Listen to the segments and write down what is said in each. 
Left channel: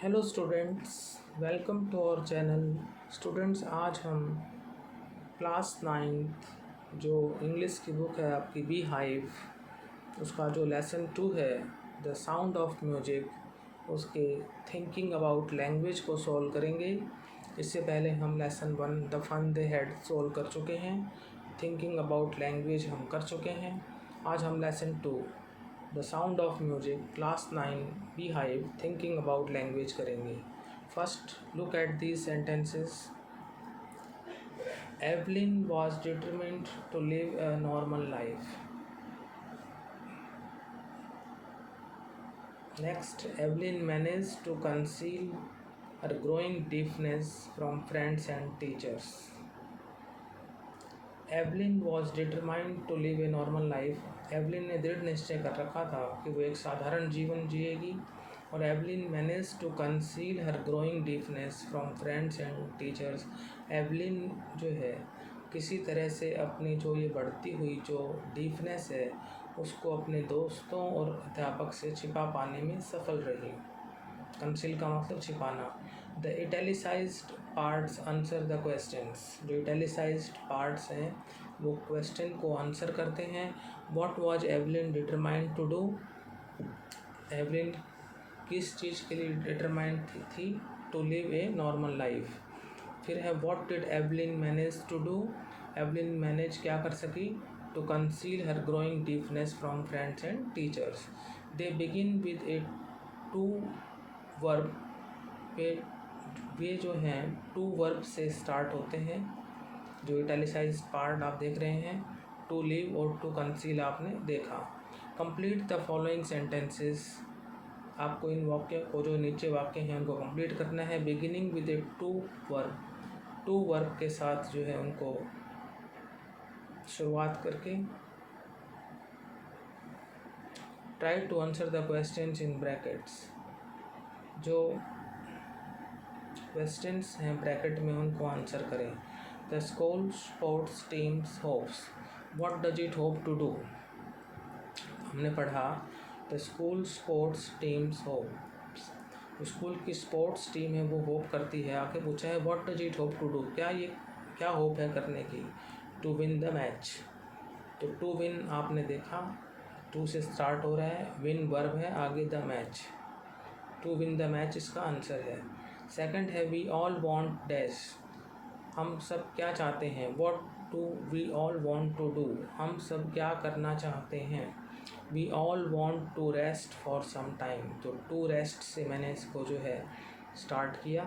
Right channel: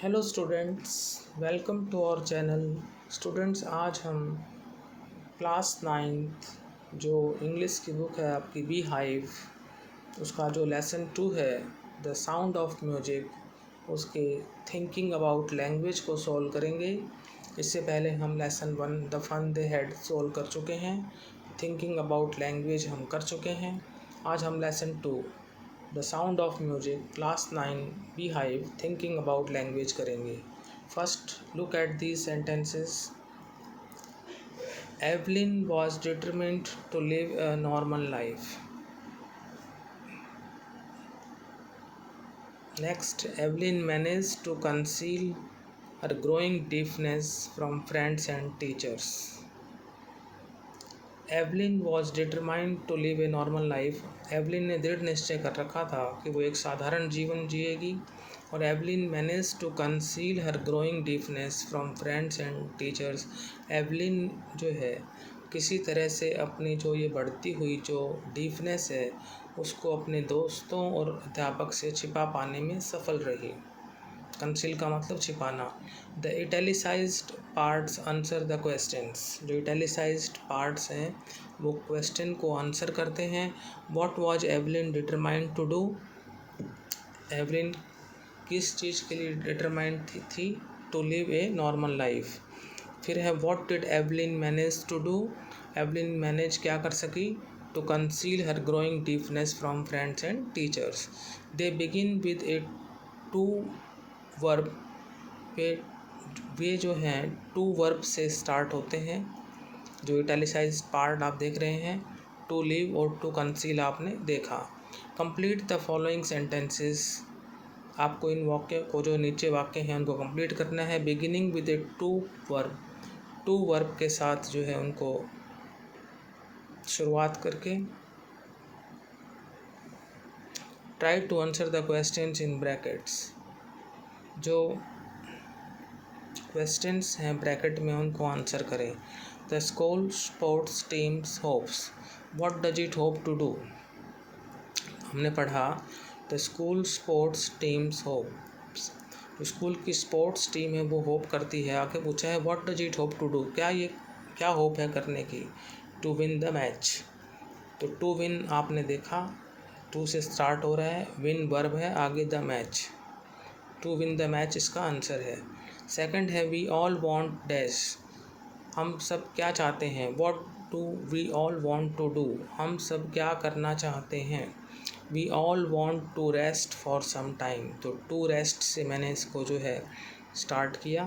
Hello students, welcome to our channel. Students, आज हम class 9th जो इंग्लिश की बुक है आपकी बी हाइव, उसका जो लेसन 2 है द साउंड ऑफ म्यूजिक, उसके थिंकिंग अबाउट लैंग्वेज को सॉल्व करेंगे। इससे पहले हम lesson 1 the fun they had solve कर चुके हैं। थिंकिंग अबाउट लैंग्वेज हम कर चुके हैं। आज हम lesson 2 the sound of music class 9 beehive thinking about language करेंगे। First look at these sentences. Evelyn was determined to live a normal life. Next, Evelyn managed to conceal her growing deafness from friends and teachers. Evelyn was determined to live a normal life. Evelyn ने दृढ़ निश्चय कर रखा था कि वो एक साधारण जीवन जिएगी। और Evelyn manage to conceal her growing deafness from friends and teachers. Evelyn जो है किसी तरह से अपनी जो ये बढ़ती हुई जो डीफनेस है उसको अपने दोस्तों और अध्यापक से छिपा पाने में सफल रही। कंसील का मतलब छिपाना। The italicised parts answer the questions. जो इटैलिसाइज्ड पार्ट्स हैं वो क्वेश्चन को आंसर करते हैं। What was Evelyn determined to do. Evelyn किस चीज़ के लिए डिटरमाइंड थी? To live a normal life. फिर है what did Evelyn manage to do. Evelyn manage क्या कर सकी? To conceal her growing deafness from friends and teachers. They begin with a to verb पे, वे जो हैं टू वर्ब से स्टार्ट होते हैं। जो इटैलिसाइज्ड पार्ट आप देख रहे हैं, टू लिव और टू कंसील आपने देखा। Complete the following sentences. आपको इन वाक्य को जो नीचे वाक्य हैं उनको कंप्लीट करना है। Beginning with a to verb के साथ जो है उनको शुरुआत करके। Try to answer the questions in brackets. जो क्वेश्चंस हैं ब्रैकेट में उनको आंसर करें। The school sports teams hopes. What does it hope to do. हमने पढ़ा the school sports teams hopes. School की स्पोर्ट्स टीम है वो होप करती है। आगे पूछा है what does it hope to do, क्या होप है करने की। To win the match. तो टू विन आपने देखा, टू से स्टार्ट हो रहा है, विन वर्ब है, आगे the match. To win the match इसका आंसर है। सेकंड है वी ऑल वांट डैश। हम सब क्या चाहते हैं। What do we all want to do. हम सब क्या करना चाहते हैं। We all want to rest for some time. तो टू रेस्ट से मैंने इसको जो है स्टार्ट किया।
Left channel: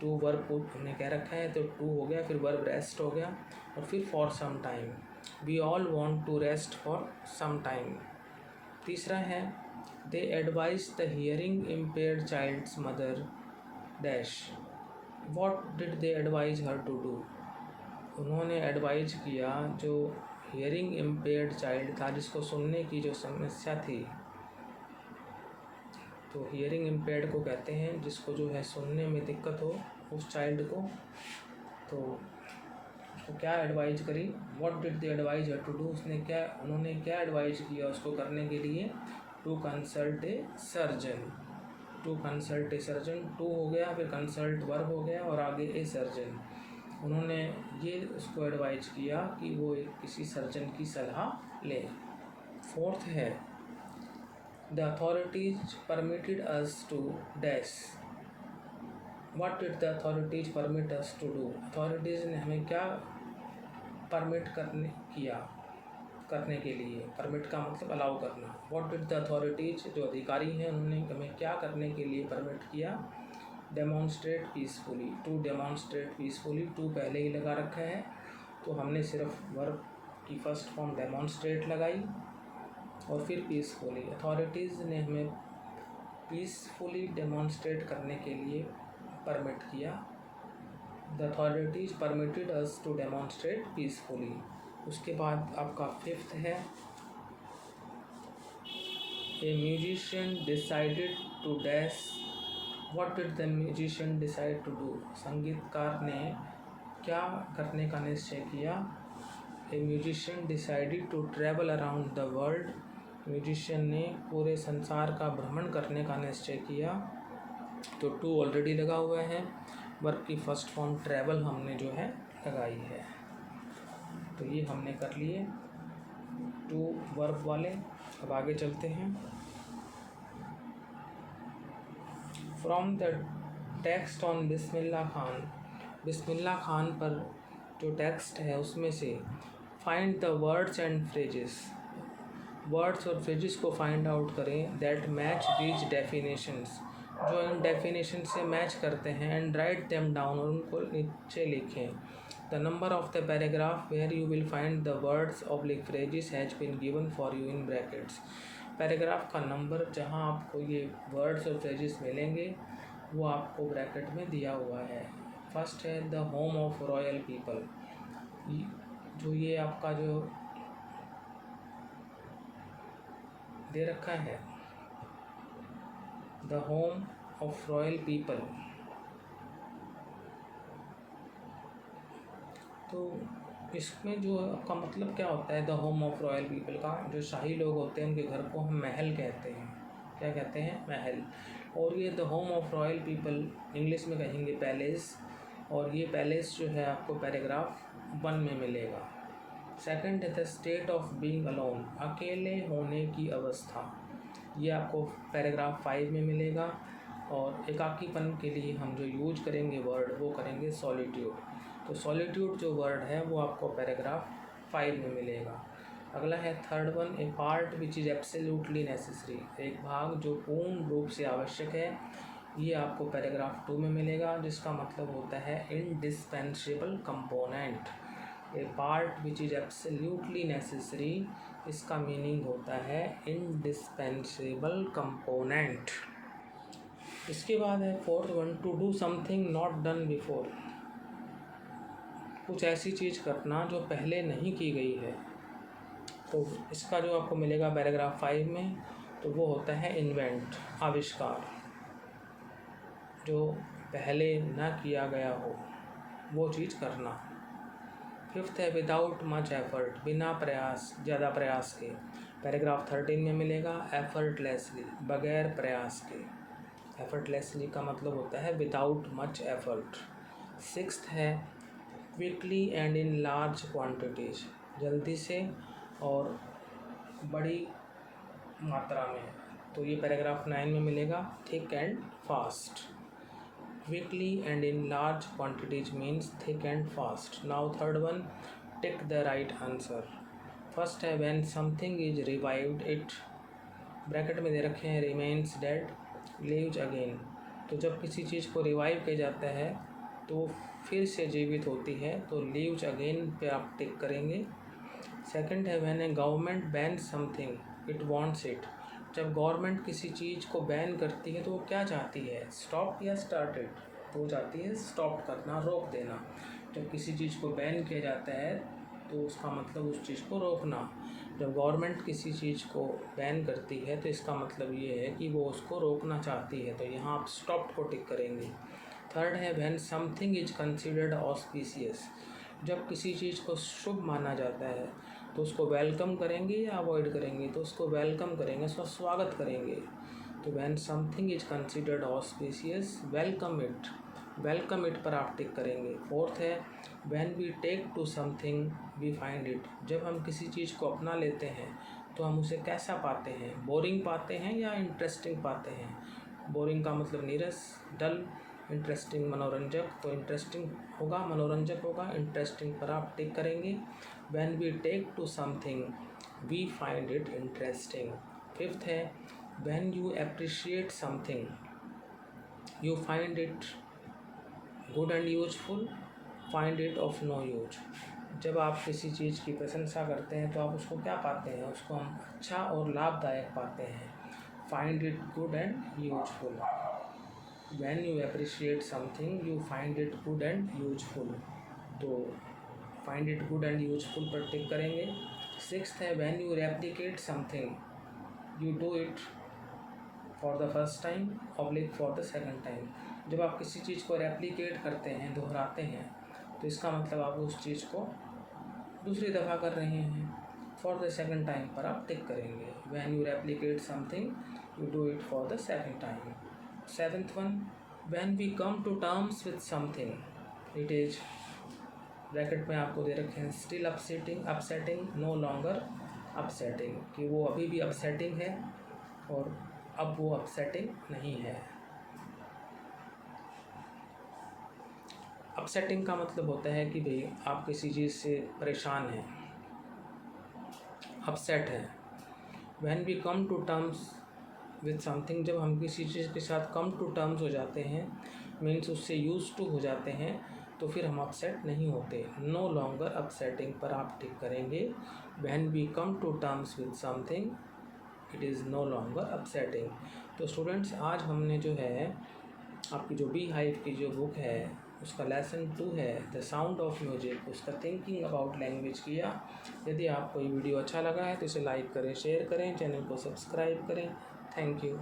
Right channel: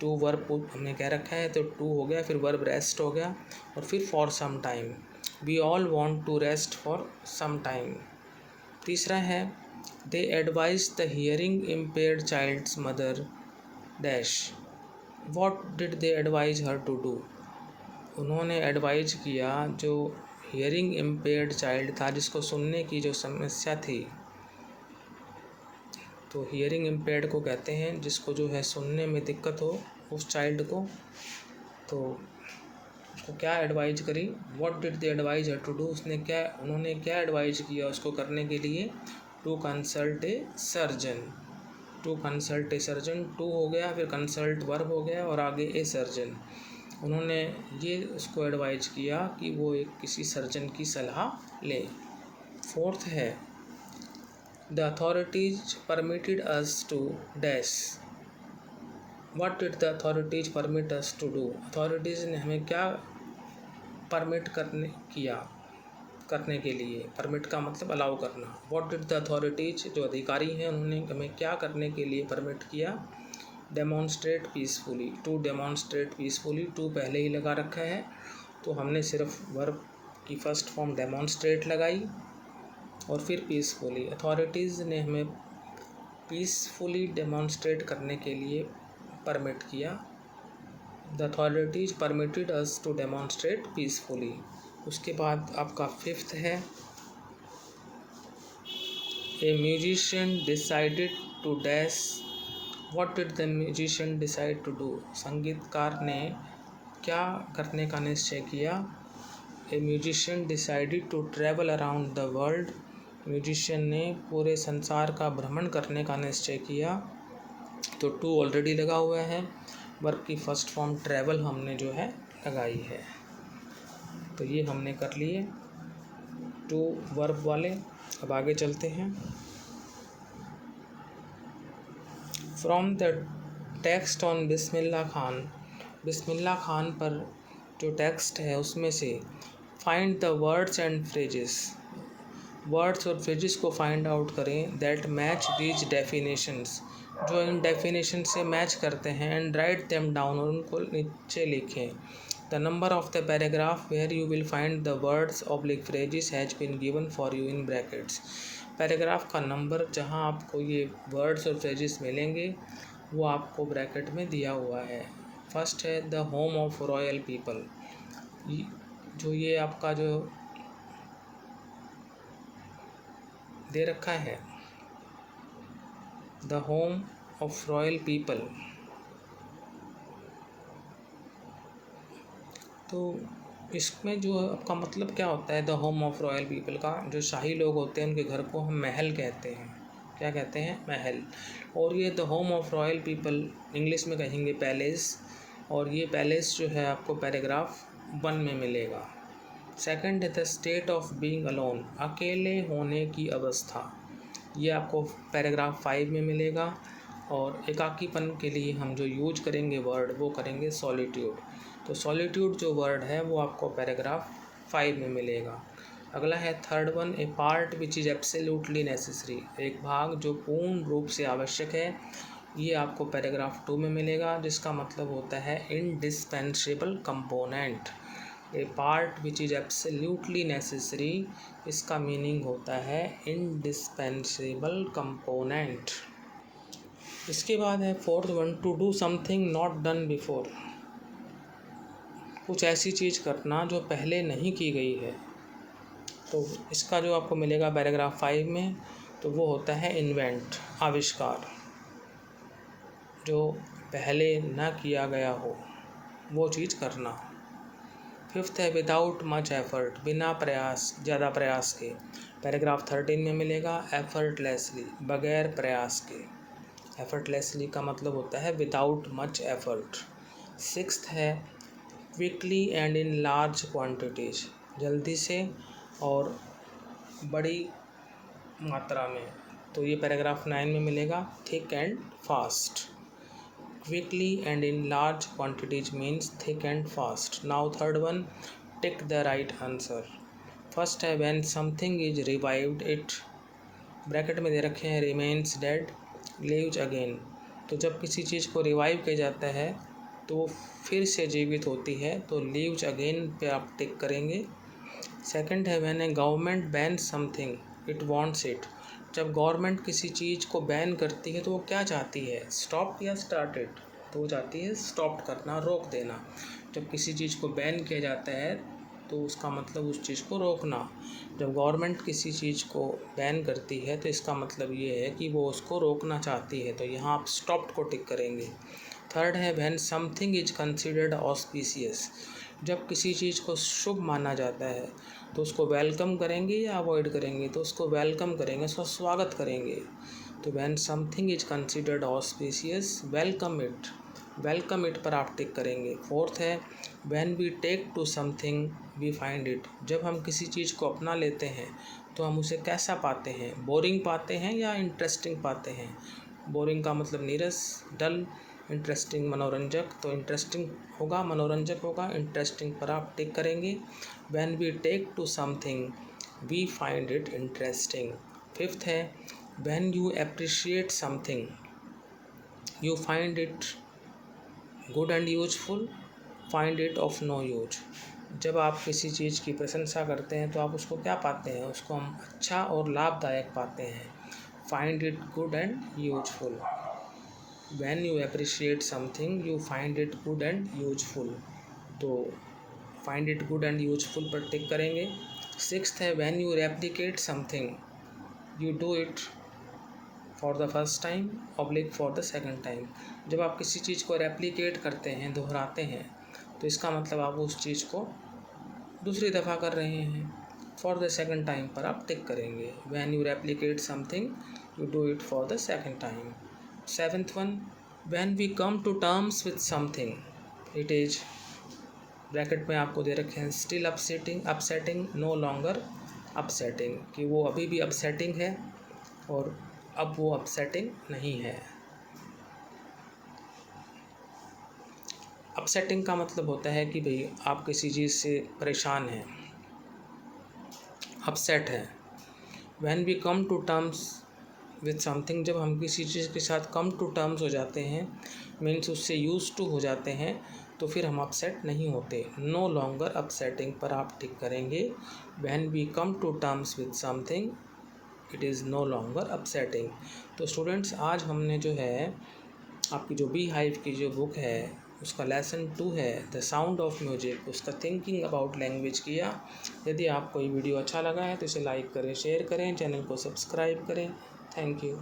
टू वर्ब हमने कह रखा है तो टू हो गया, फिर वर्ब रेस्ट हो गया और फिर for some time. We all want to rest for some time. तीसरा है they advise the hearing impaired child's mother dash. What did they advise her to do. उन्होंने एडवाइज किया जो हियरिंग इम्पेयर्ड चाइल्ड था, जिसको सुनने की जो समस्या थी। तो हियरिंग इम्पेयर्ड को कहते हैं जिसको जो है सुनने में दिक्कत हो, उस चाइल्ड को। तो उसको क्या एडवाइज करी। What did they advise her to do. उन्होंने क्या एडवाइज किया उसको करने के लिए। To consult a surgeon. To consult a surgeon, to हो गया, फिर कंसल्ट वर्ब हो गया और आगे ए सर्जन। उन्होंने ये उसको एडवाइज किया कि वो एक किसी सर्जन की सलाह ले। फोर्थ है the authorities permitted us to dash. What did the authorities permit us to do. Authorities ने हमें क्या परमिट करने के लिए। परमिट का मतलब अलाउ करना। व्हाट डिड द अथॉरिटीज, जो अधिकारी हैं उन्होंने हमें क्या करने के लिए परमिट किया। Demonstrate peacefully. To demonstrate peacefully, to पहले ही लगा रखा है तो हमने सिर्फ वर्ब की फर्स्ट फॉर्म डेमॉन्स्ट्रेट लगाई और फिर पीसफुली। अथॉरिटीज़ ने हमें पीसफुली डेमॉन्स्ट्रेट करने के लिए परमिट किया। The authorities permitted us to demonstrate peacefully. उसके बाद आपका फिफ्थ है a musician decided to dash. What did the musician decide to do. संगीतकार ने क्या करने का निश्चय किया। A musician decided to travel around the world. Musician ने पूरे संसार का भ्रमण करने का निश्चय किया। तो टू ऑलरेडी लगा हुआ है, वर्ब की फर्स्ट फॉर्म ट्रैवल हमने जो है लगाई है। तो ये हमने कर लिए टू वर्ब वाले। अब आगे चलते हैं। From the text on Bismillah Khan, Bismillah Khan पर जो टेक्स्ट है उसमें से find the words and phrases, words और फ्रेजेस को फाइंड आउट करें दैट मैच दीज डेफिनेशंस, जो इन डेफिनेशन से मैच करते हैं, एंड राइट देम डाउन, और उनको नीचे लिखें। The number of the paragraph where you will find the words oblique phrases has been given for you in brackets, paragraph का number जहां आपको ये वर्ड्स और फ्रेजेस मिलेंगे वो आपको ब्रैकेट में दिया हुआ है। फर्स्ट है the home of royal people, जो ये आपका जो दे रखा है the home of royal people, तो इसमें जो आपका मतलब क्या होता है the home of royal people का, जो शाही लोग होते हैं उनके घर को हम महल कहते हैं। क्या कहते हैं? महल। और ये the home of royal people English में कहेंगे पैलेस, और ये पैलेस जो है आपको पैराग्राफ 1 में मिलेगा। सेकंड है the state of being alone, अकेले होने की अवस्था, ये आपको पैराग्राफ 5 में मिलेगा। और एकाकीपन के लिए हम जो यूज करेंगे वर्ड वो करेंगे सॉलिट्यूड, तो सॉलिट्यूड जो वर्ड है वो आपको पैराग्राफ 5 में मिलेगा। अगला है third one, A part which is absolutely necessary, एक भाग जो पूर्ण रूप से आवश्यक है, ये आपको पैराग्राफ 2 में मिलेगा, जिसका मतलब होता है indispensable component. A part which is absolutely necessary, इसका मीनिंग होता है इंडिस्पेंसेबल कंपोनेंट। इसके बाद है fourth one, to do something not done before, कुछ ऐसी चीज़ करना जो पहले नहीं की गई है, तो इसका जो आपको मिलेगा पैराग्राफ 5 में, तो वो होता है इन्वेंट, आविष्कार, जो पहले ना किया गया हो वो चीज़ करना। फिफ्थ है विदाउट मच एफर्ट, बिना प्रयास, ज़्यादा प्रयास के, पैराग्राफ 13 में मिलेगा एफर्टलेसली, बगैर प्रयास के। एफर्टलेसली का मतलब होता है विदाउट मच एफर्ट। सिक्स्थ है quickly and in large quantities, जल्दी से और बड़ी मात्रा में, तो ये पैराग्राफ 9 में मिलेगा thick and fast. Quickly and in large quantities means thick and fast. Now third one, tick the right answer. First है when something is revived it, bracket में दे रखे हैं रिमेन्स डेड, लिव्स अगेन, तो जब किसी चीज़ को रिवाइव किया जाता है तो फिर से जीवित होती है, तो लिव्स अगेन पे आप टिक करेंगे। सेकंड है when A government ban something it wants it, जब गवर्नमेंट किसी चीज़ को बैन करती है तो वो क्या चाहती है? स्टॉप या स्टार्टेड, तो वो चाहती है स्टॉप करना, रोक देना। जब किसी चीज़ को बैन किया जाता है तो उसका मतलब उस चीज़ को रोकना। जब गवर्नमेंट किसी चीज़ को बैन करती है तो इसका मतलब ये है कि वो उसको रोकना चाहती है, तो यहाँ आप स्टॉप को टिक करेंगे। थर्ड है when something is considered auspicious, जब किसी चीज़ को शुभ माना जाता है तो उसको वेलकम करेंगे या अवॉइड करेंगे? तो उसको वेलकम करेंगे, उसका स्वागत करेंगे। तो when something is considered auspicious welcome it पर आप टिक करेंगे। फोर्थ है when we take to something we find it, जब हम किसी चीज़ को अपना लेते हैं तो हम उसे कैसा पाते हैं? बोरिंग पाते हैं या इंटरेस्टिंग पाते हैं? बोरिंग का मतलब नीरस, डल, इंटरेस्टिंग मनोरंजक, तो इंटरेस्टिंग होगा, मनोरंजक होगा, इंटरेस्टिंग पर आप टिक करेंगे। When we take to something we find it interesting. Fifth है when you appreciate something you find it good and useful, find it of no use, जब आप किसी चीज़ की प्रशंसा करते हैं तो आप उसको क्या पाते हैं? उसको हम अच्छा और लाभदायक पाते हैं, find it good and useful. When you appreciate something you find it good and useful, तो find it good and useful पर टिक करेंगे। सिक्स्थ है when you replicate something you do it for the first time oblique for the second time, जब आप किसी चीज़ को replicate करते हैं, दोहराते हैं, तो इसका मतलब आप उस चीज़ को दूसरी दफ़ा कर रहे हैं। फॉर द सेकंड टाइम पर आप टिक करेंगे। when you replicate something you do it for the second time। Seventh one, when we come to terms with something it is, bracket में आपको दे रखे हैं, still upsetting, no longer upsetting, कि वो अभी भी अपसेटिंग है और अब वो अपसेटिंग नहीं है। अपसेटिंग का मतलब होता है कि भाई आप किसी चीज़ से परेशान हैं, अपसेट हैं। When we come to terms with something, जब हम किसी चीज़ के साथ कम टू टर्म्स हो जाते हैं, मीन्स उससे यूज टू हो जाते हैं, तो फिर हम अपसेट नहीं होते। नो लॉन्गर अपसेटिंग पर आप टिक करेंगे। When we come to terms with something it is no longer upsetting. तो स्टूडेंट्स, आज हमने जो है आपकी जो बी हाइव की जो बुक है उसका लेसन 2 है द साउंड ऑफ म्यूजिक, उसका थिंकिंग अबाउट लैंग्वेज किया। यदि आपको ये वीडियो अच्छा लगा है तो इसे लाइक करें, शेयर करें, चैनल को सब्सक्राइब करें। Thank you.